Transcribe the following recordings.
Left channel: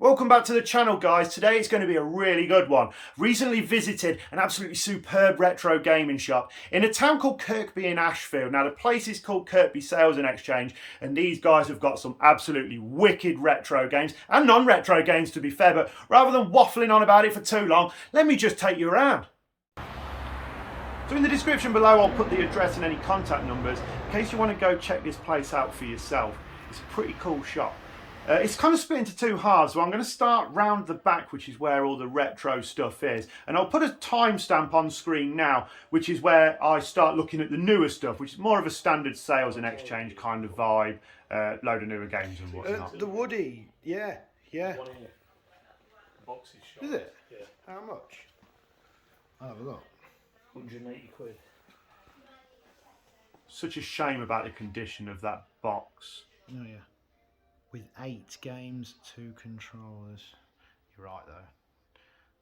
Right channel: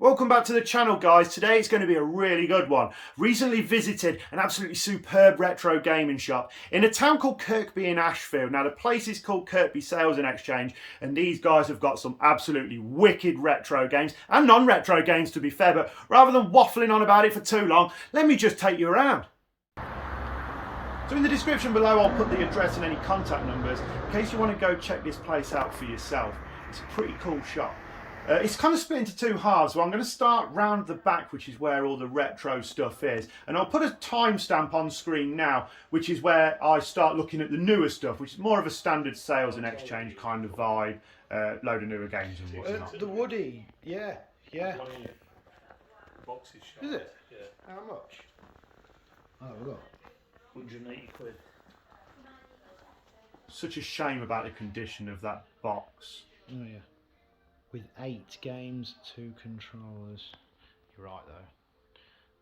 Welcome back to the channel, guys. Today it's going to be a really good one. Recently visited an absolutely superb retro gaming shop in a town called Kirkby in Ashfield. Now the place is called Kirkby Sales and Exchange, and these guys have got some absolutely wicked retro games and non-retro games, to be fair. But rather than waffling on about it for too long, let me just take you around. So in the description below I'll put the address and any contact numbers in case you want to go check this place out for yourself. It's a pretty cool shop. It's kind of split into two halves, so I'm going to start round the back, which is where all the retro stuff is. And I'll put a timestamp on screen now, which is where I start looking at the newer stuff, which is more of a standard sales and exchange kind of vibe, load of newer games and whatnot. The Woody, yeah. Boxes. Is it? Yeah. How much? Oh, look. 180 quid. Such a shame about the condition of that box. Oh, yeah. With 8 games, 2 controllers. You're right, though.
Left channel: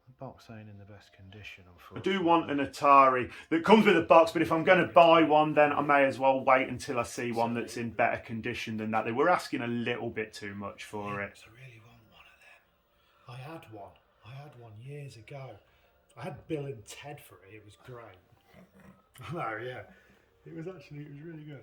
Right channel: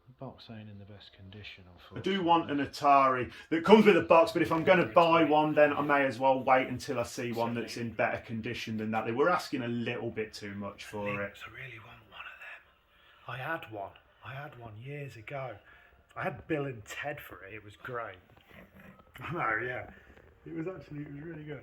The box ain't in the best condition, I unfortunately. do want an Atari that comes with a box, but if I'm going to buy one, then I may as well wait until I see one that's in better condition than that. They were asking a little bit too much for it. I really want one of them. I had one. I had one years ago. I had Bill and Ted for it. It was great. I know, yeah. It was really good.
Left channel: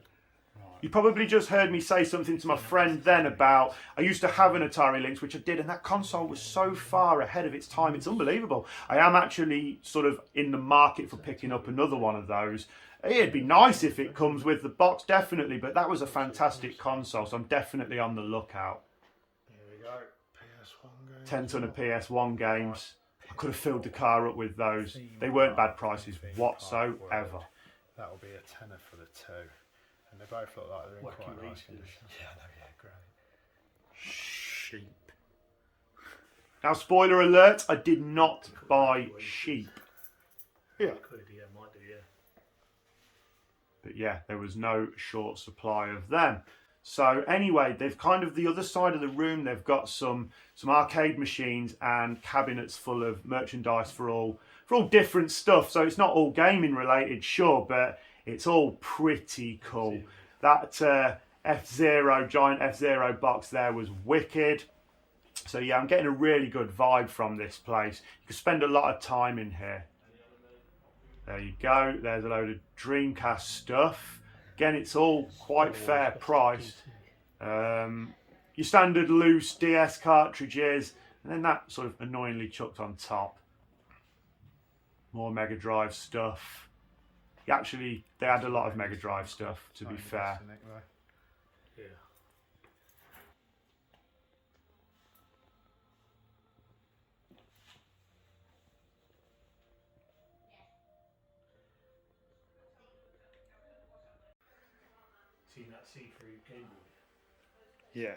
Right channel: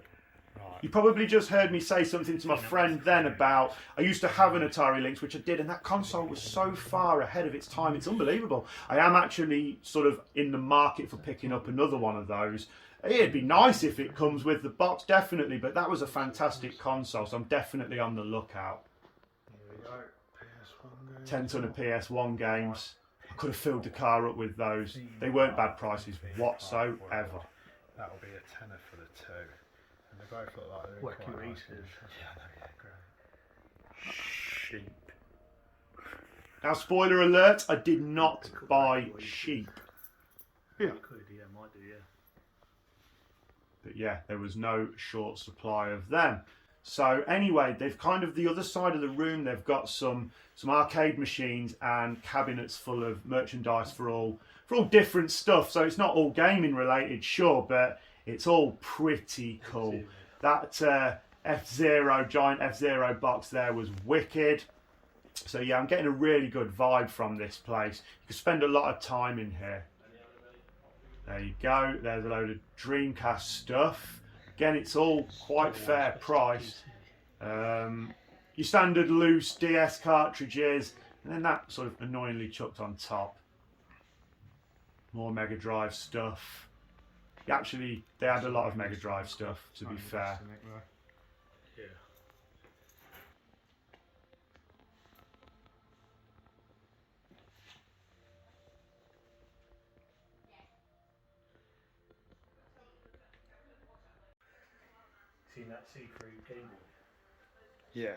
Right. You probably just heard me say something to my friend then about, I used to have an Atari Lynx, which I did, and that console was so far ahead of its time, it's unbelievable. I am actually sort of in the market for picking up another one of those. It'd be nice if it comes with the box, definitely, but that was a fantastic console, so I'm definitely on the lookout. Here we go. PS1 games. 10 ton of PS1 games. I could have filled the car up with those. They weren't bad prices whatsoever. That'll be a tenner for the 2. And they both look like they're in Wacky quite nice races. condition. Yeah, no, yeah, great. Sheep. Now, spoiler alert, I did not buy sheep. Yeah. Could, yeah, might do, yeah. But yeah, there was no short supply of them. So anyway, they've kind of the other side of the room, they've got some arcade machines and cabinets full of merchandise for all different stuff. So it's not all gaming related, sure, but it's all pretty cool. That F-Zero, giant F-Zero box there was wicked. So yeah, I'm getting a really good vibe from this place. You can spend a lot of time in here. There you go. There's a load of Dreamcast stuff. Again, it's all quite fair price. Your standard loose DS cartridges, and then that sort of annoyingly chucked on top. More Mega Drive stuff. Actually, they had a lot of Mega Drive stuff, to be fair. Yeah. Seen that see-through Game Boy? Yeah.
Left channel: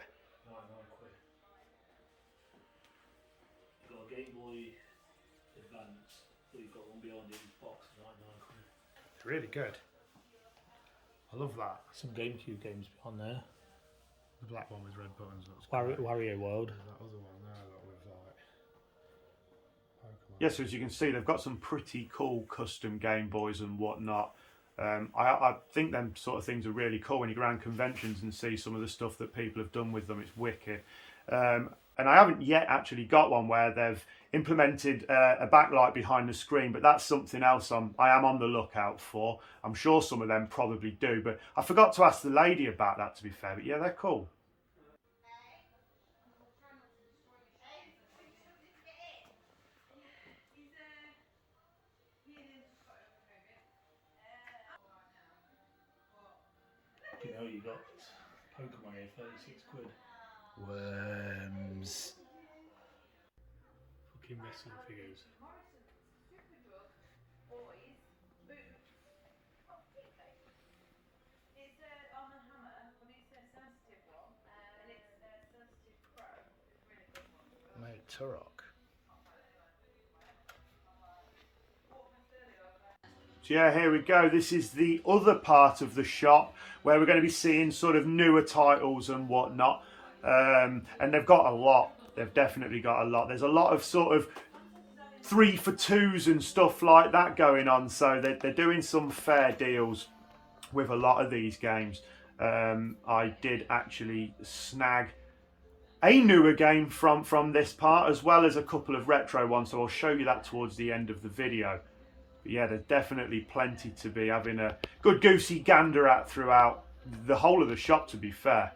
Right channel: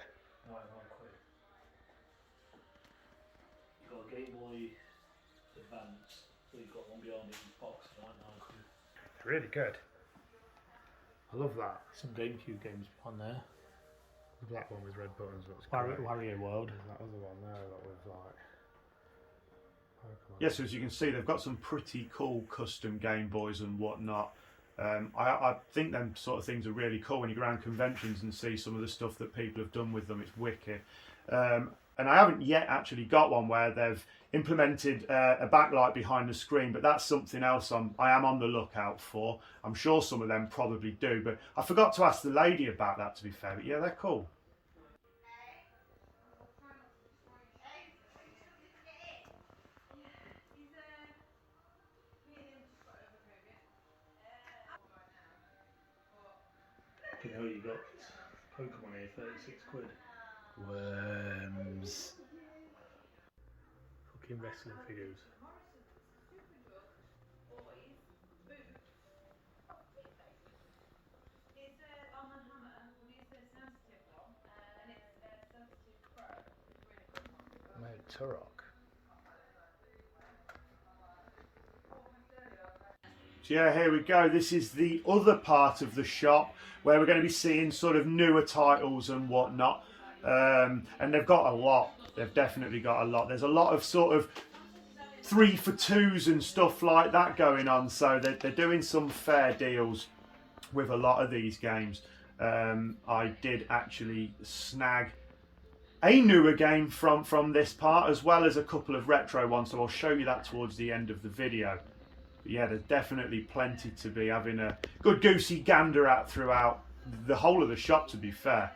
99 quid. You got a Game Boy Advance, so you've got one behind it in the box, 99 quid. Really good. I love that. Some GameCube games on there. The black one with red buttons looks great. Wario World. There's that other one there that was like Pokemon. Yes, so as you can see, they've got some pretty cool custom Game Boys and whatnot. I think them sort of things are really cool when you go around conventions and see some of the stuff that people have done with them. It's wicked. And I haven't yet actually got one where they've implemented a backlight behind the screen, but that's something else I am on the lookout for. I'm sure some of them probably do, but I forgot to ask the lady about that, to be fair. But yeah, they're cool. You know, you got Pokemon here, 36 quid. Worms. Fucking wrestling figures. Mate, Turok. So yeah, here we go. This is the other part of the shop where we're going to be seeing sort of newer titles and whatnot. And they've got a lot. They've definitely got a lot. There's a lot of sort of 3 for 2s and stuff like that going on. So they're doing some fair deals with a lot of these games. I did actually snag a newer game from this part, as well as a couple of retro ones, so I'll show you that towards the end of the video. But yeah, there's definitely plenty to be having a good goosey gander at throughout the whole of the shop, to be fair.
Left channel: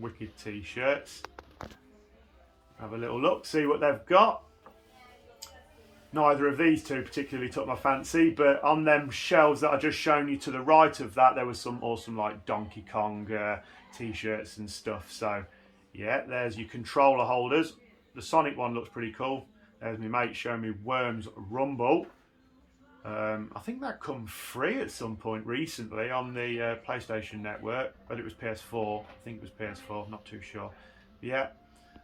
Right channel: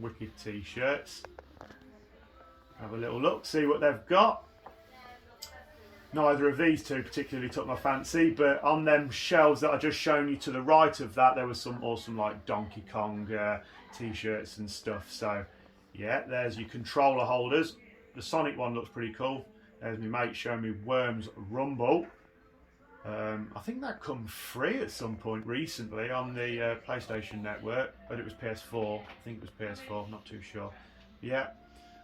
Wicked t-shirts. Have a little look, see what they've got. Neither of these two particularly took my fancy, but on them shelves that I just shown you to the right of that, there was some awesome like Donkey Kong t-shirts and stuff. So yeah, there's your controller holders. The Sonic one looks pretty cool. There's my mate showing me Worms Rumble. I think that come free at some point recently on the PlayStation Network, but it was PS4. I think it was PS4, not too sure. Yeah,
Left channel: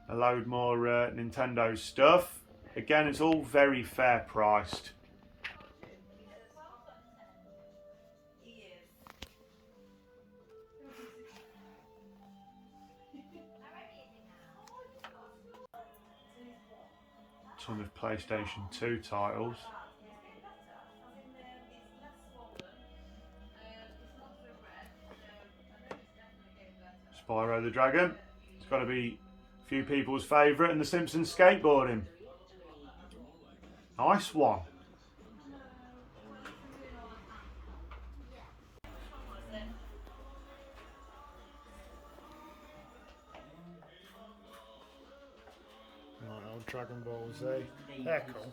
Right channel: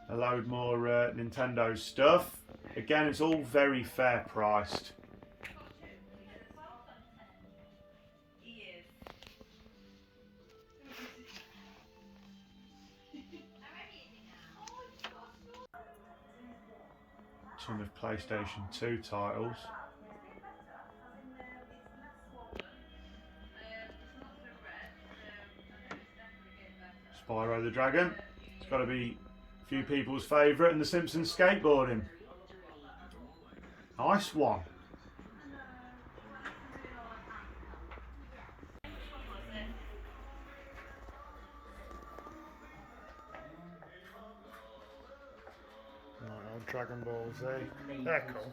a load more Nintendo stuff. Again, it's all very fair priced. Some of PlayStation 2 titles. Spyro the Dragon. It's got to be a few people's favourite, and The Simpsons skateboarding. Nice one. Right, old Dragon Ball Z. They're cool.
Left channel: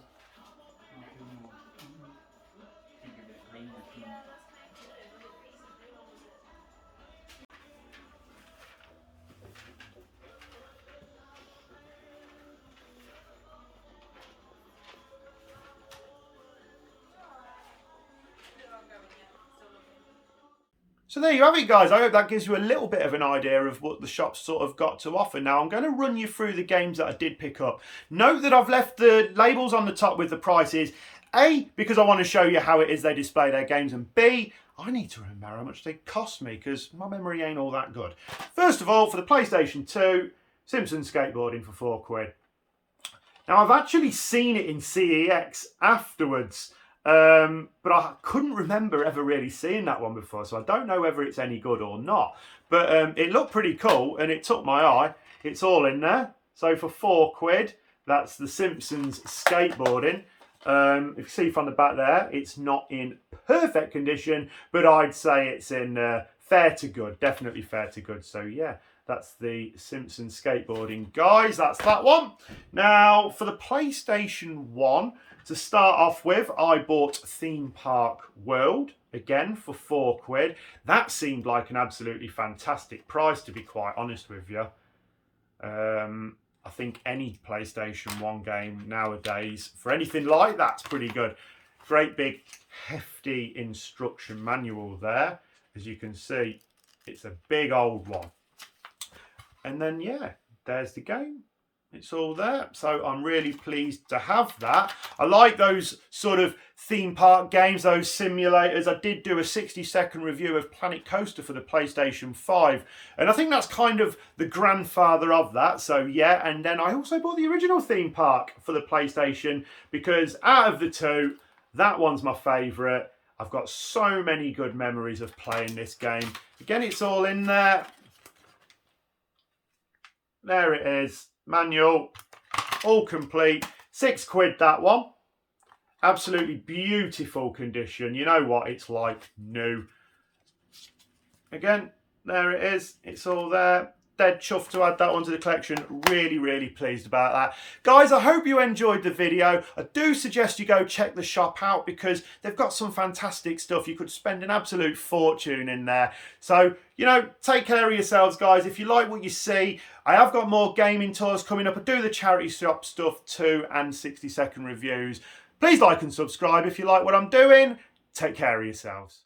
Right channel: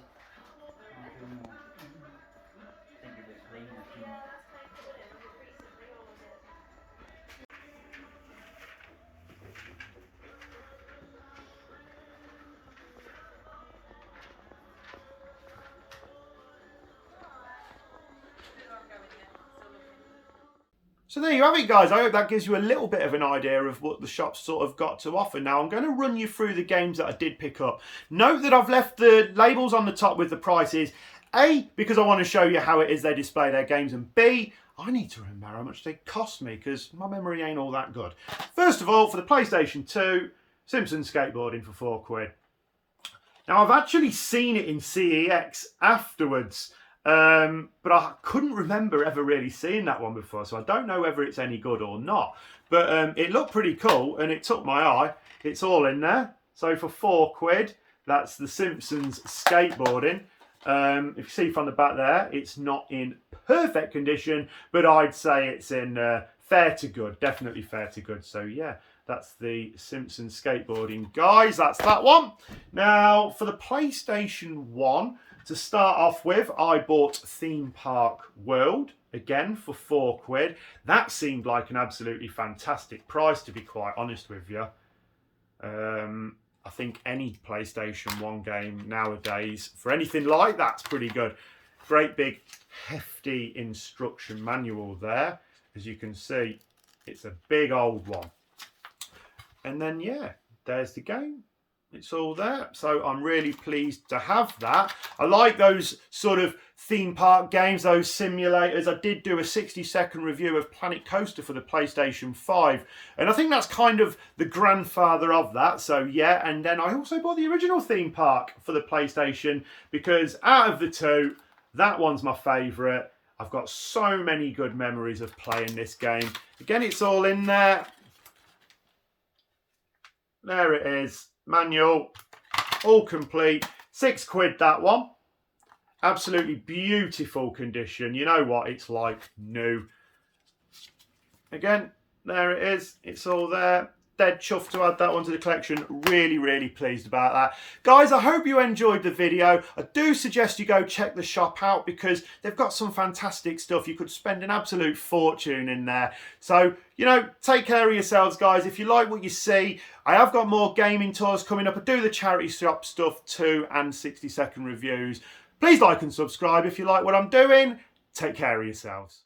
So there you have it, guys. I hope that gives you a little bit of an idea of what the shop's sort of got to offer. Now, I'm going to run you through the games that I did pick up. Note that I've left the labels on the top with the prices. A, because I want to show you how it is they display their games. And B, I need to remember how much they cost me because my memory ain't all that good. First of all, for the PlayStation 2, Simpsons skateboarding for £4. Now, I've actually seen it in CEX afterwards. But I couldn't remember ever really seeing that one before, so I don't know whether it's any good or not. But it looked pretty cool and it took my eye. It's all in there. So for £4, that's the Simpsons skateboarding. If you see from the back there, it's not in perfect condition, but I'd say it's in fair to good, definitely fair to good. So yeah, that's the Simpsons skateboarding, guys. That's that one. Now for the PlayStation 1. To start off with, I bought Theme Park World, again for £4. That seemed like an absolutely fantastic price, to be quite honest with you. I think any PlayStation 1 game nowadays, for anything like that's pretty good. Great big hefty instruction manual there. As you can see, it's a big old one. And then, yeah, there's the game. It's all there, so I'm really pleased to have that. I like those sort of theme park games, those simulators. I did do a 60-second review of Planet Coaster for the PlayStation 5, and I think that's kind of the grandfather of that, so yeah. And then I also bought the original theme park for the PlayStation, because out of the two, that one's my favourite. I've got so many good memories of playing this game. Again, it's all in there. There it is. Manual, all complete. £6 that one. Absolutely beautiful condition. You know what it's like new. Again, there it is. It's all there. Dead chuffed to add that one to the collection. Really, really pleased about that. Guys, I hope you enjoyed the video. I do suggest you go check the shop out because they've got some fantastic stuff. You could spend an absolute fortune in there. So, you know, take care of yourselves, guys. If you like what you see, I have got more gaming tours coming up. I do the charity shop stuff too and 60-second reviews. Please like and subscribe if you like what I'm doing. Take care of yourselves.